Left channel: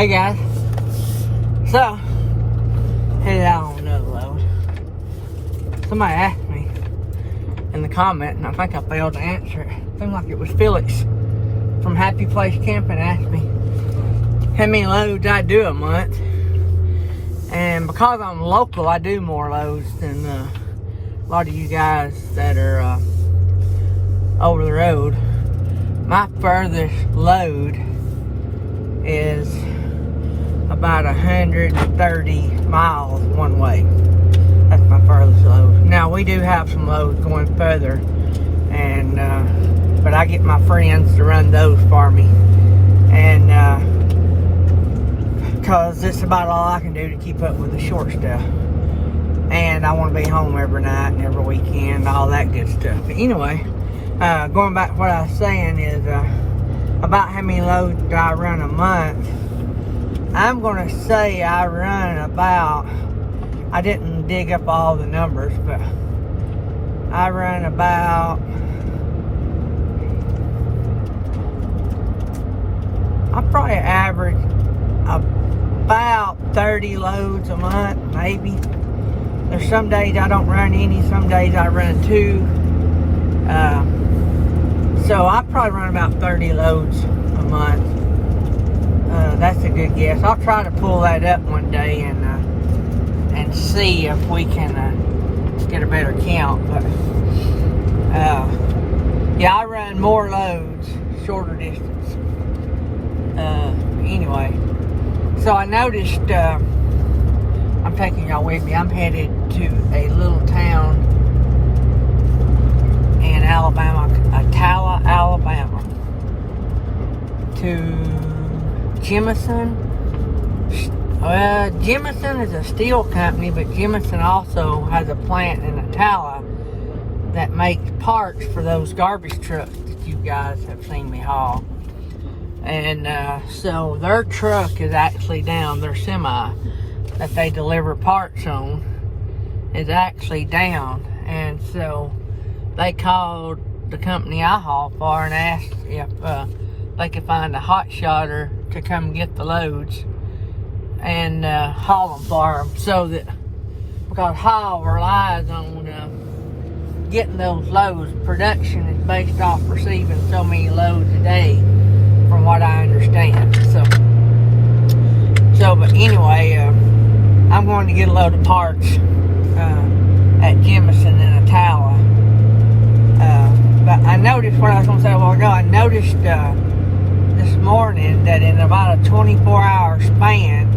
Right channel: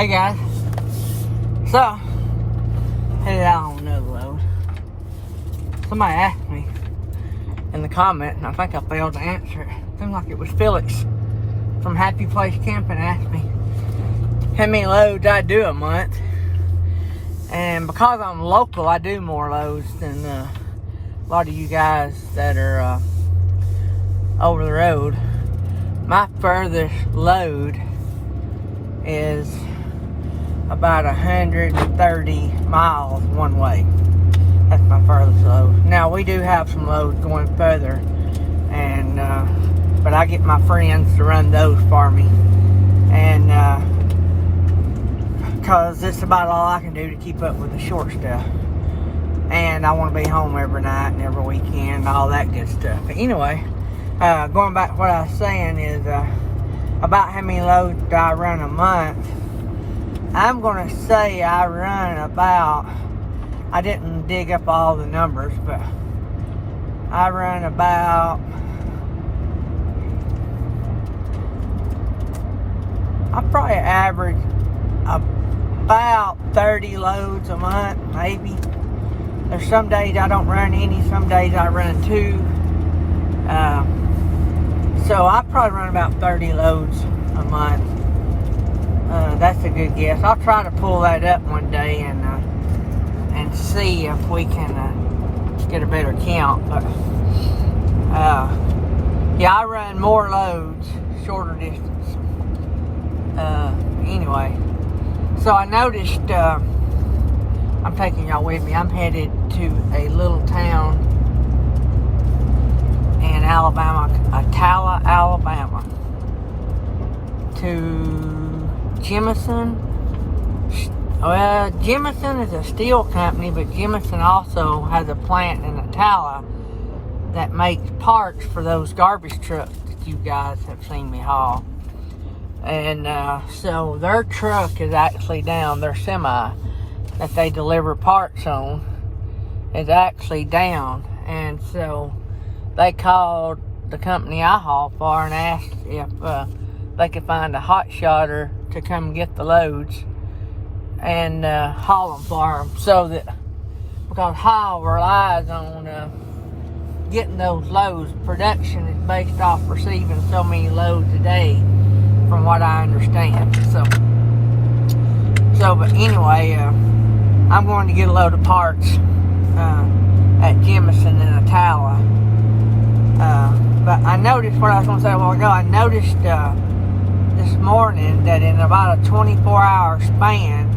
Hey guys, so headed out on another load. Somebody asked me in the comment, and I think I failed to answer it. Seemed like it was Felix from Happy Place Camping asked me how many loads I do a month. And because I'm local, I do more loads than a lot of you guys that are over the road. My furthest load is about 130 miles one way. That's my furthest load. Now we do have some loads going further, and but I get my friends to run those for me, and because it's about all I can do to keep up with the short stuff. And I want to be home every night and every weekend and all that good stuff. But anyway, going back to what I was saying is about how many loads do I run a month. I'm going to say I run about, I didn't dig up all the numbers, but I run about, I probably average about 30 loads a month, maybe. There's some days I don't run any, some days I run 2. So I probably run about 30 loads a month. That's a good guess. I'll try to pull that up one day and see if we can get a better count. But yeah, I run more loads, shorter distance. Anyway, so I noticed, I'm taking y'all with me. I'm headed to a little town in Alabama, Atala, Alabama, to Jemison. Well, Jemison is a steel company, but Jemison also has a plant in Atala that makes parts for those garbage trucks that you guys have seen me haul. And so their truck is actually down, their semi that they deliver parts on is actually down. And so they called the company I haul for and asked if they could find a Hotshotter to come get the loads and haul them for them, so that, because Haul relies on getting those loads. Production is based off receiving so many loads a day, from what I understand. So but anyway, I'm going to get a load of parts at Jemison in Atala. But I noticed what I was going to say a while ago. I noticed this morning that in about a 24-hour span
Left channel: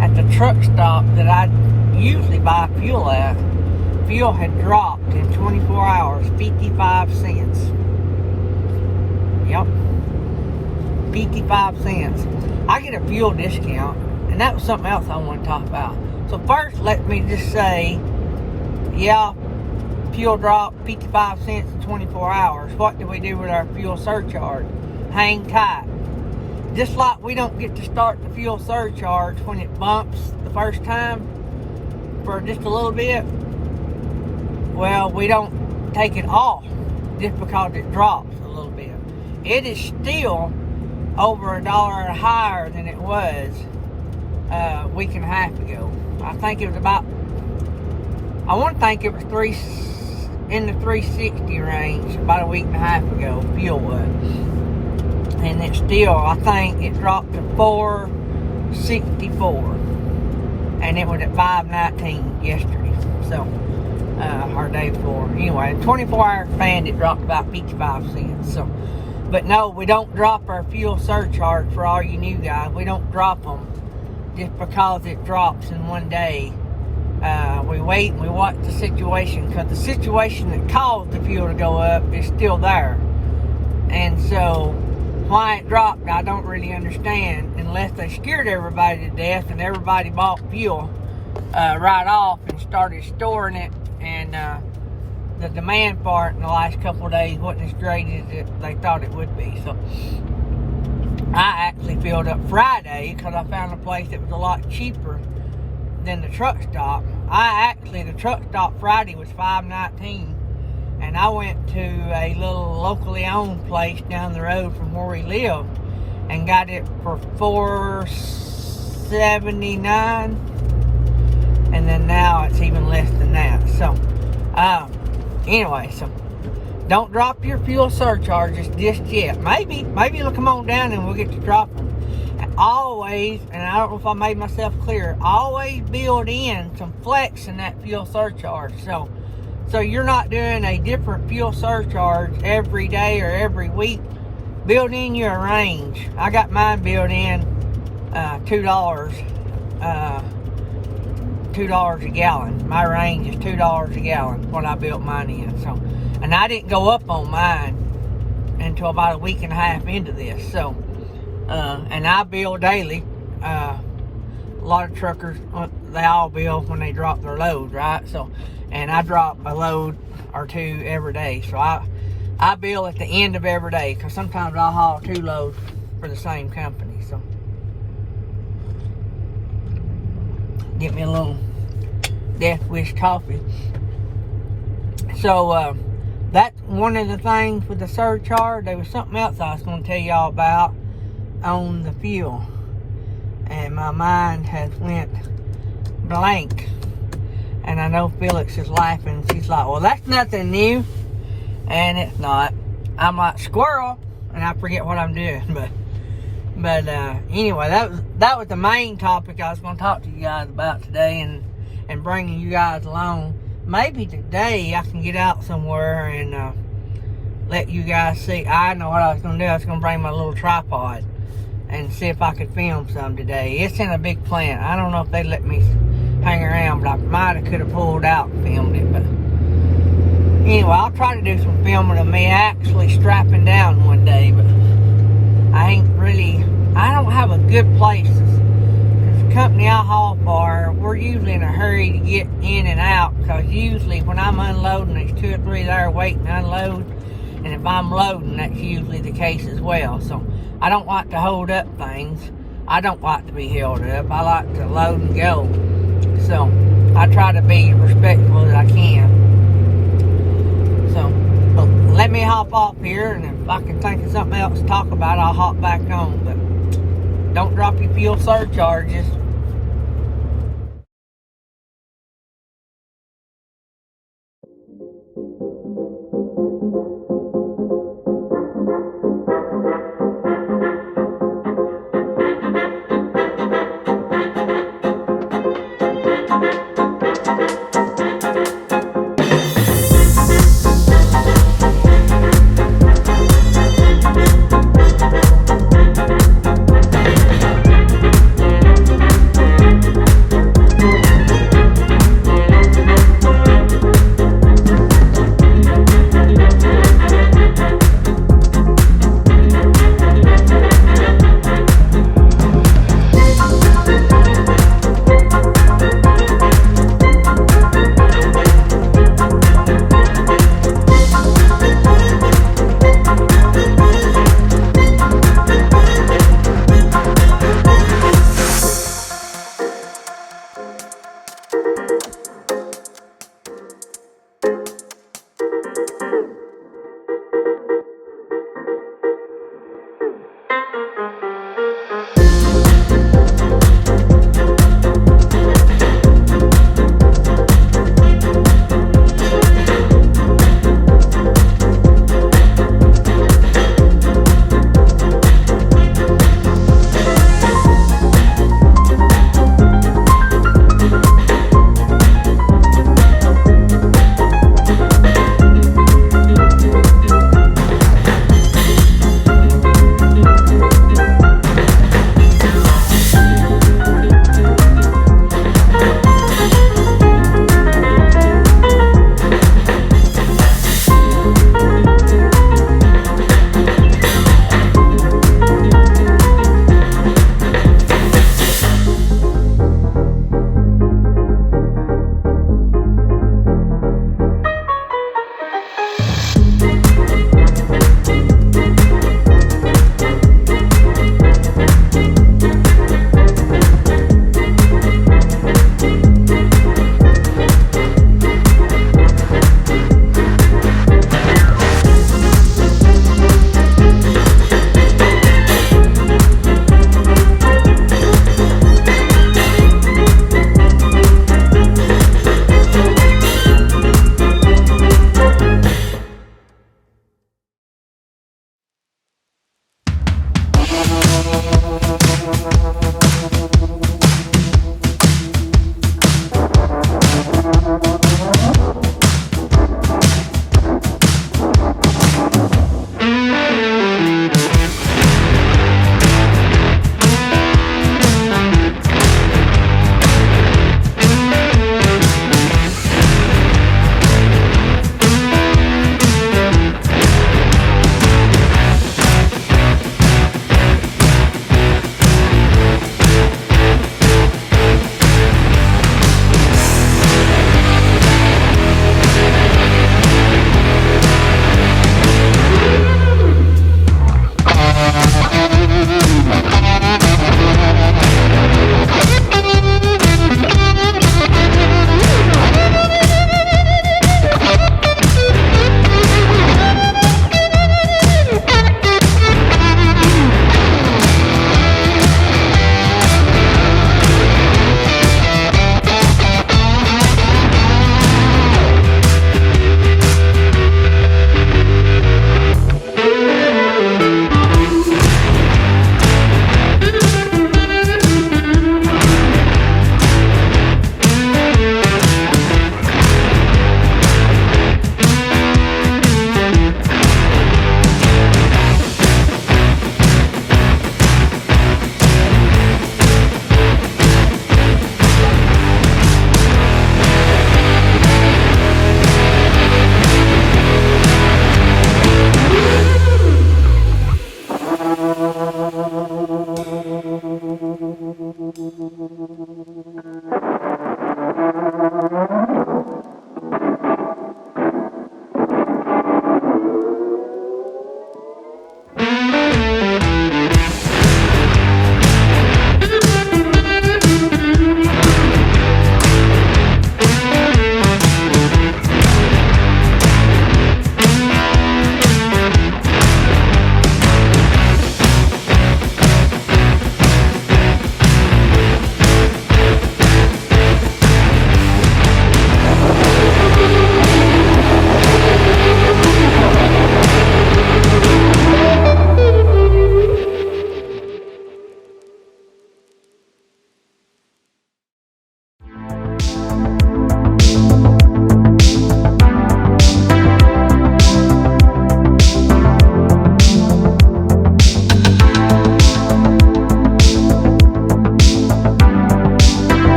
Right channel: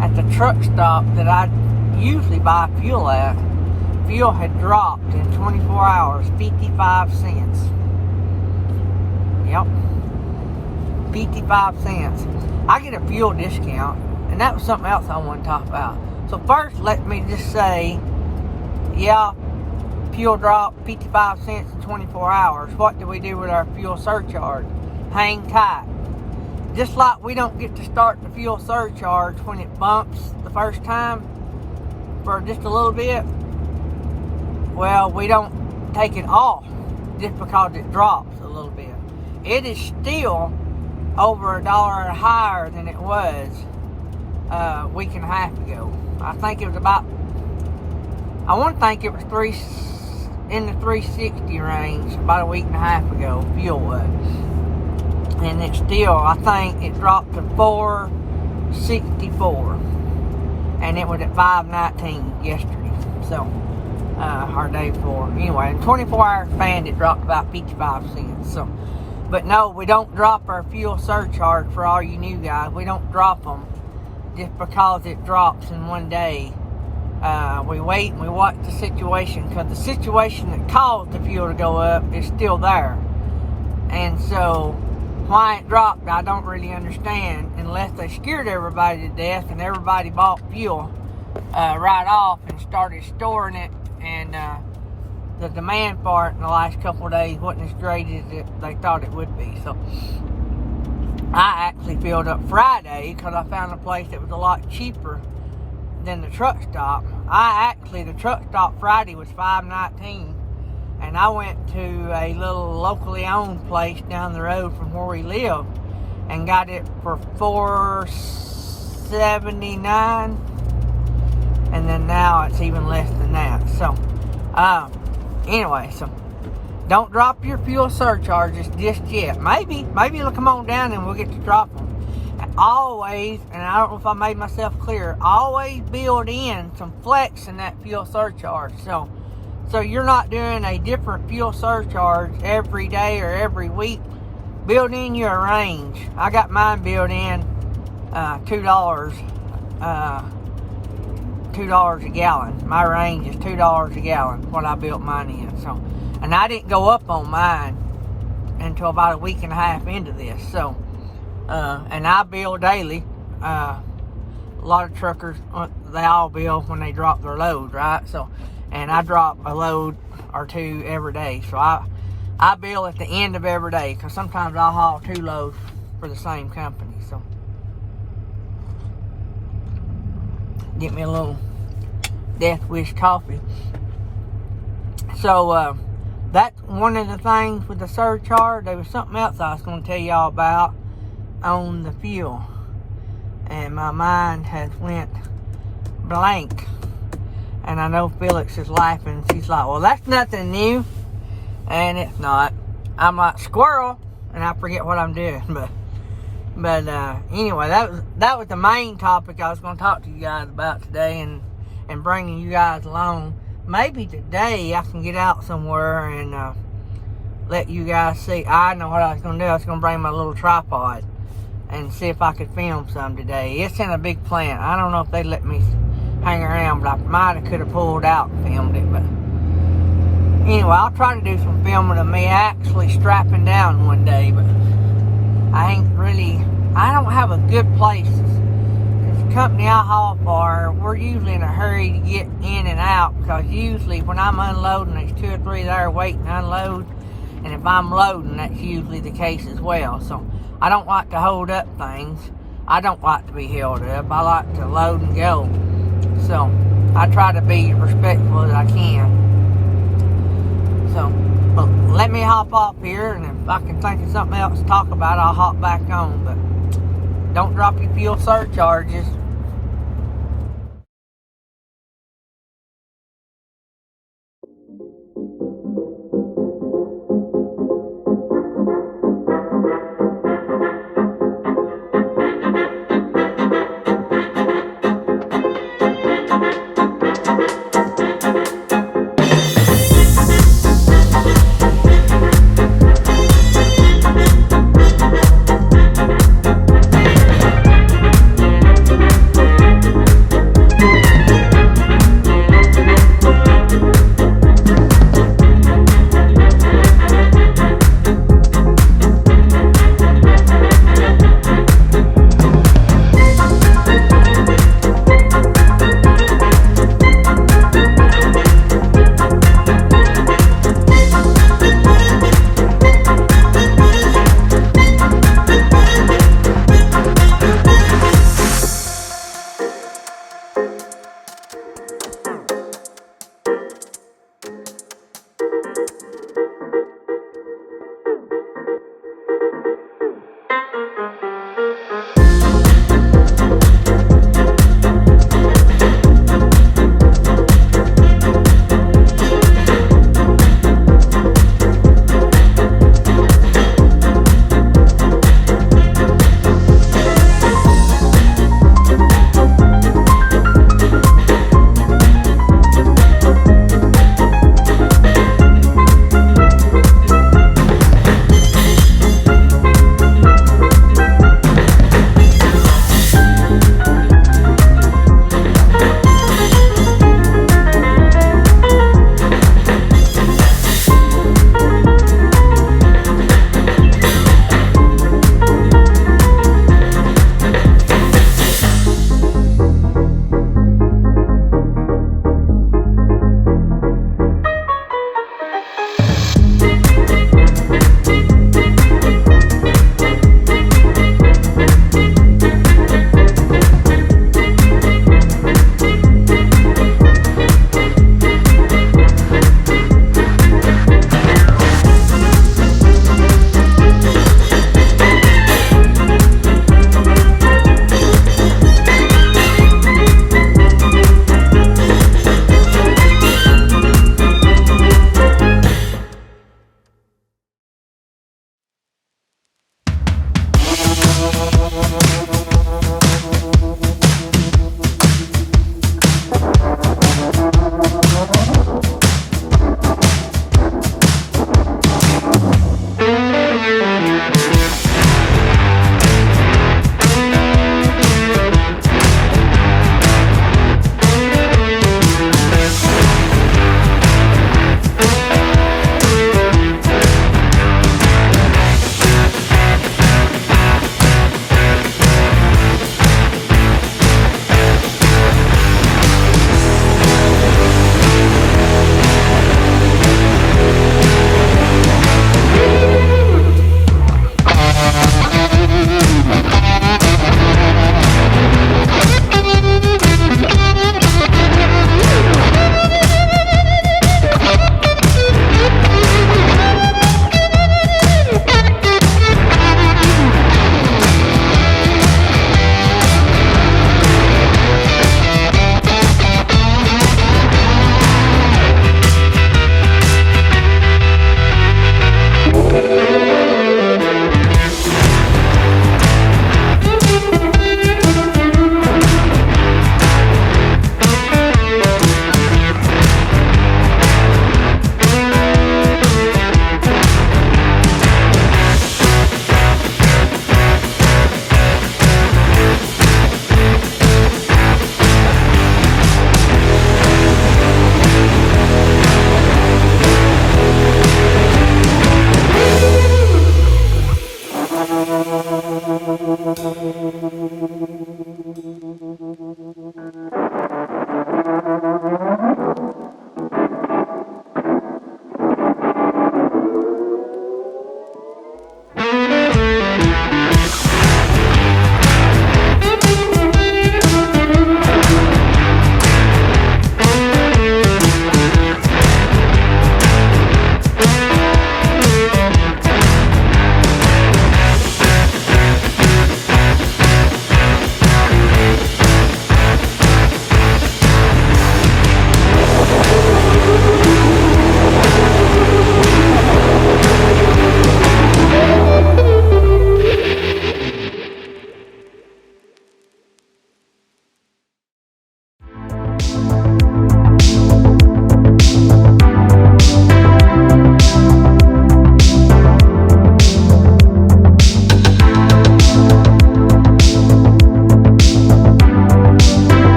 at the truck stop that I usually buy fuel at, fuel had dropped in 24 hours 55 cents. Yep, 55 cents. I get a fuel discount, and that was something else I want to talk about. So first, let me just say, yeah, fuel dropped 55 cents in 24 hours. What do we do with our fuel surcharge? Hang tight. Just like we don't get to start the fuel surcharge when it bumps the first time for just a little bit, well, we don't take it off just because it drops a little bit. It is still over $1 higher than it was a week and a half ago. I think it was about, I want to think it was in the 360 range about a week and a half ago, fuel was. And it's still, I think it dropped to 464, and it was at 519 yesterday. So, our day before. Anyway, in 24-hour span, it dropped about 55 cents. So, but no, we don't drop our fuel surcharge for all you new guys. We don't drop them just because it drops in one day. We wait and we watch the situation, because the situation that caused the fuel to go up is still there. And so, why it dropped, I don't really understand, unless they scared everybody to death and everybody bought fuel right off and started storing it, and the demand for it in the last couple of days wasn't as great as they thought it would be. So I actually filled up Friday because I found a place that was a lot cheaper than the truck stop. The truck stop Friday was $5.19, and I went to a little locally owned place down the road from where we live, and got it for $4.79, and then now it's even less than that. So anyway, so don't drop your fuel surcharges just yet. Maybe it'll come on down and we'll get to drop them. Always, and I don't know if I made myself clear, always build in some flex in that fuel surcharge. So you're not doing a different fuel surcharge every day or every week. Build in your range. I got mine built in $2 a gallon. My range is $2 a gallon when I built mine in. So, and I didn't go up on mine until about a week and a half into this. So, and I bill daily. A lot of truckers, they all bill when they drop their load, right? So, and I drop a load or two every day. So I bill at the end of every day, because sometimes I'll haul 2 loads for the same company. So get me a little Death Wish coffee. So that's one of the things with the surcharge. There was something else I was going to tell y'all about on the fuel, and my mind has went blank. And I know Felix is laughing. She's like, well, that's nothing new. And it's not. I'm like squirrel, and I forget what I'm doing. But anyway, that was the main topic I was going to talk to you guys about today, and bringing you guys along. Maybe today I can get out somewhere and let you guys see. I know what I was going to do. I was going to bring my little tripod and see if I could film some today. It's in a big plant. I don't know if they let me hang around, but I might have could have pulled out and filmed it. But anyway, I'll try to do some filming of me actually strapping down one day. But I don't have a good place. The company I haul for, we're usually in a hurry to get in and out, because usually when I'm unloading, there's 2 or 3 there waiting to unload, and if I'm loading, that's usually the case as well. So I don't like to hold up things. I don't like to be held up. I like to load and go. So I try to be respectful as I can. So let me hop off here, and if I can think of something else to talk about, I'll hop back on. But don't drop your fuel surcharges.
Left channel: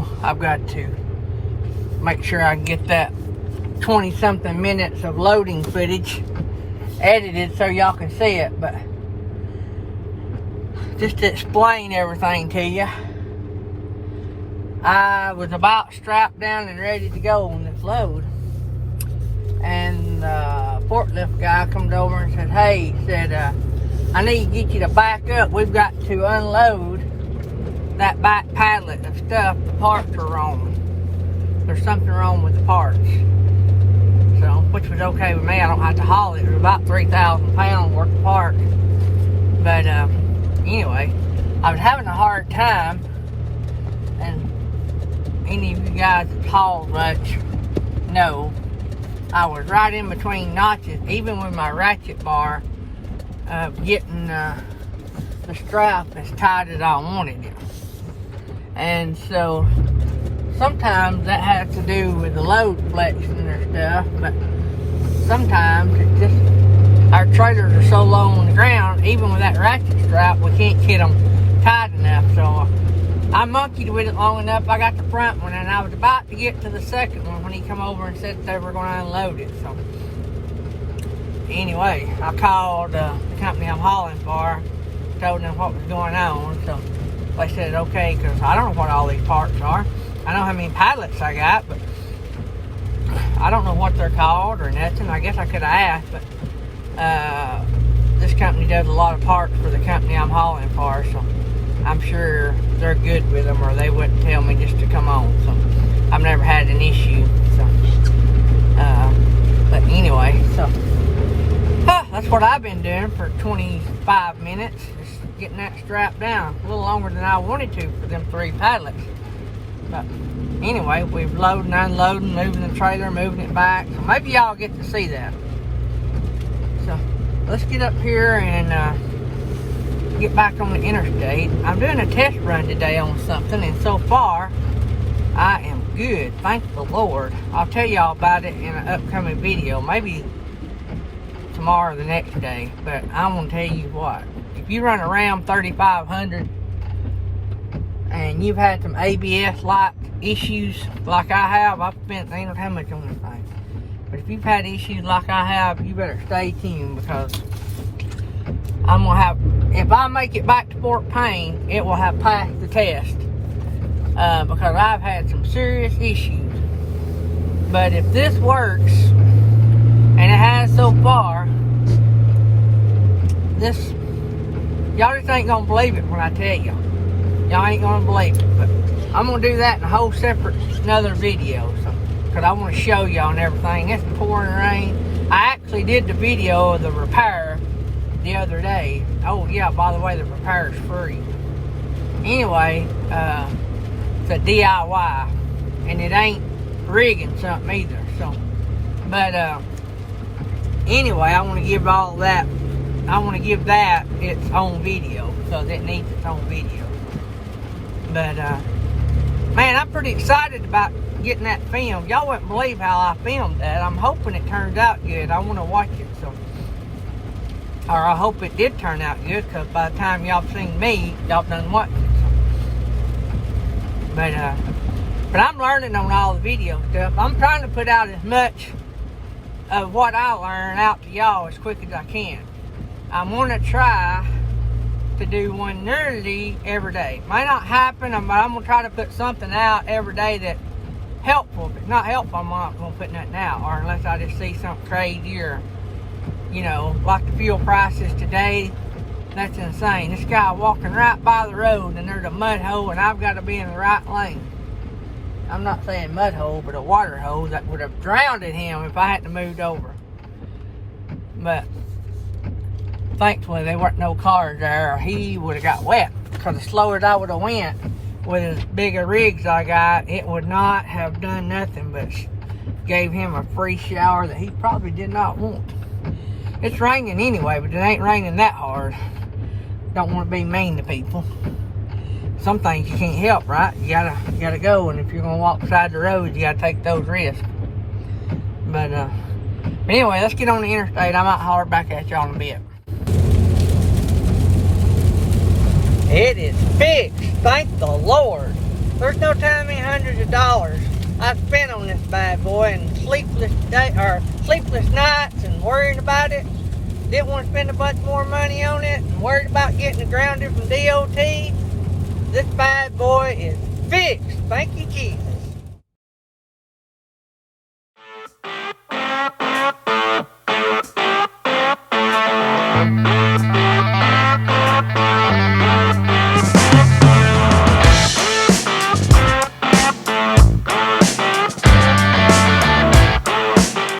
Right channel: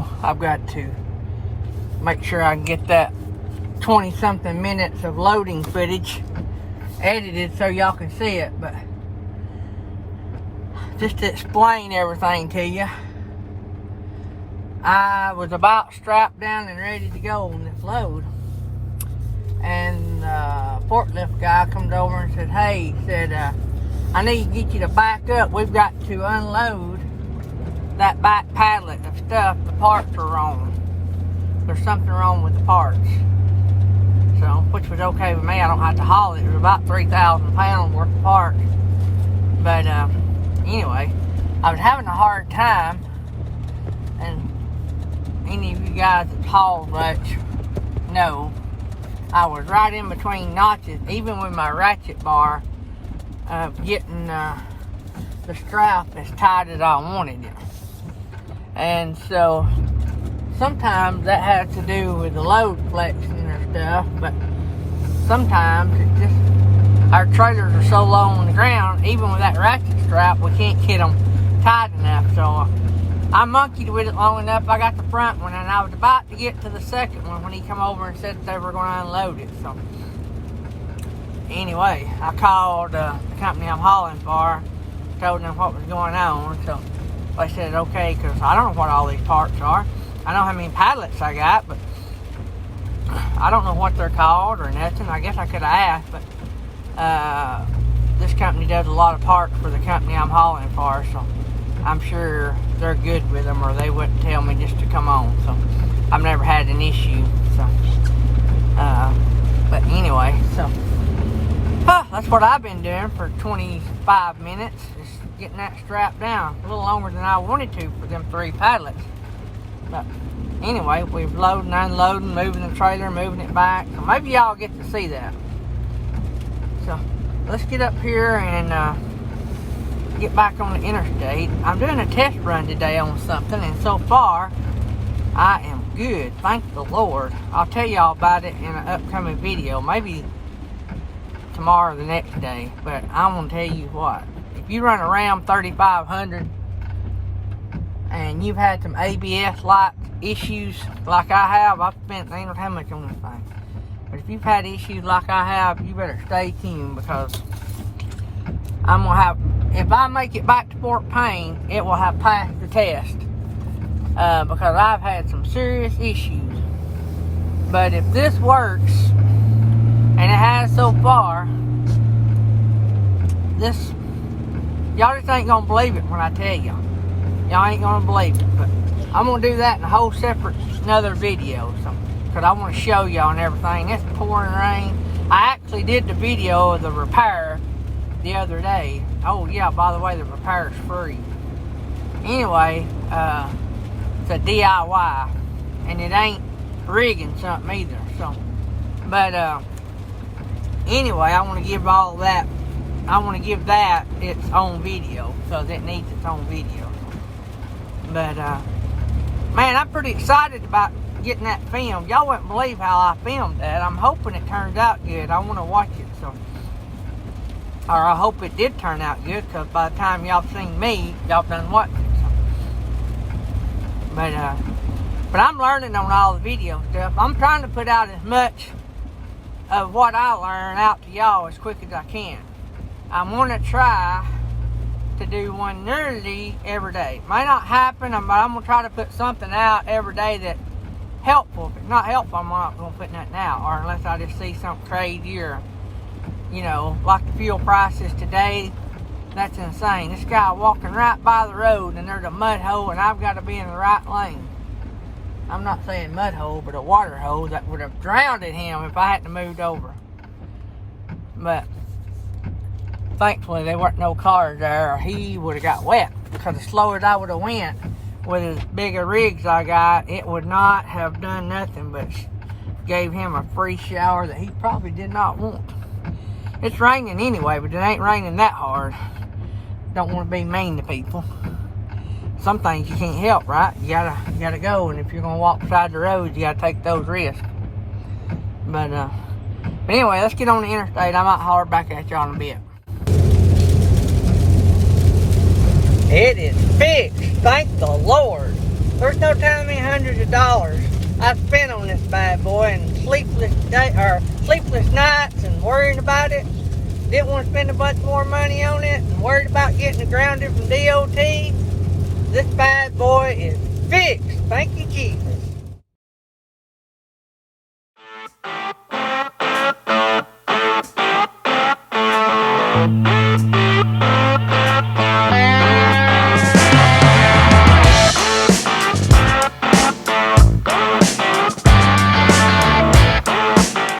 video. I've got to make sure I can get that 20 something minutes of loading footage edited so y'all can see it, but just to explain everything to you, I was about strapped down and ready to go on this load, and the forklift guy comes over and said, hey, he said, I need to get you to back up. We've got to unload that back pallet of stuff. The parts are wrong. There's something wrong with the parts. So, which was okay with me. I don't have to haul it. It was about 3,000 pounds worth of parts. But anyway, I was having a hard time, and any of you guys that haul much know I was right in between notches, even with my ratchet bar, getting the strap as tight as I wanted it. And so sometimes that has to do with the load flexion or stuff, but sometimes it's just our trailers are so low on the ground, even with that ratchet strap, we can't get them tight enough. So I monkeyed with it long enough. I got the front one, and I was about to get to the second one when he come over and said they were going to unload it. So anyway, I called the company I'm hauling for, told them what was going on. So they said okay, because I don't know what all these parts are. I know how many pallets I got, but I don't know what they're called or nothing. I guess I could have asked, but this company does a lot of parts for the company I'm hauling for, so I'm sure they're good with them, or they wouldn't tell me just to come on. So I've never had an issue. So, but anyway, so that's what I've been doing for 25 minutes, just getting that strap down. A little longer than I wanted to for them 3 pallets. But anyway, we've loaded and unloaded, moving the trailer, moving it back. So maybe y'all get to see that. So let's get up here and get back on the interstate. I'm doing a test run today on something, and so far I am good, thank the Lord. I'll tell y'all about it in an upcoming video, maybe tomorrow or the next day. But I'm gonna tell you what, if you run a Ram 3500 and you've had some ABS like issues like I have, I've spent ain't how much on this thing, but if you've had issues like I have, you better stay tuned, because I'm gonna have, if I make it back to Fort Payne, it will have passed the test, because I've had some serious issues. But if this works, and it has so far, this, y'all just ain't gonna believe it when I tell y'all. Y'all ain't gonna believe it, but I'm gonna do that in a whole separate another video, so, because I want to show y'all and everything. It's pouring rain. I actually did the video of the repair the other day. Oh yeah, by the way, the repair is free. Anyway, it's a DIY, and it ain't rigging something either. So, but anyway, I want to give all that. I want to give that its own video, because it needs its own video. But man, I'm pretty excited about getting that filmed. Y'all wouldn't believe how I filmed that. I'm hoping it turns out good. I want to watch it, so, or I hope it did turn out good, because by the time y'all seen me, y'all done watch it. So. But I'm learning on all the video stuff. I'm trying to put out as much of what I learn out to y'all as quick as I can. I'm going to try to do one nearly every day. Might not happen, but I'm going to try to put something out every day that's helpful. If it's not helpful, I'm not going to put nothing out, or unless I just see something crazy, or, you know, like the fuel prices today. That's insane. This guy walking right by the road, and there's a mud hole, and I've got to be in the right lane. I'm not saying mud hole, but a water hole that would have drowned him if I hadn't moved over. But thankfully there weren't no cars there, or he would have got wet, because the slower I would have went with as big a rigs I got, it would not have done nothing but gave him a free shower that he probably did not want. It's raining anyway, but it ain't raining that hard. Don't want to be mean to people. Some things you can't help, right? You gotta go, and if you're gonna walk beside the road, you gotta take those risks. But anyway, let's get on the interstate. I might holler back at y'all in a bit. It is fixed, thank the Lord. There's no telling me hundreds of dollars I spent on this bad boy, and sleepless nights and worrying about it. Didn't want to spend a bunch more money on it, and worried about getting it grounded from DOT. This bad boy is fixed. Thank you, Jesus.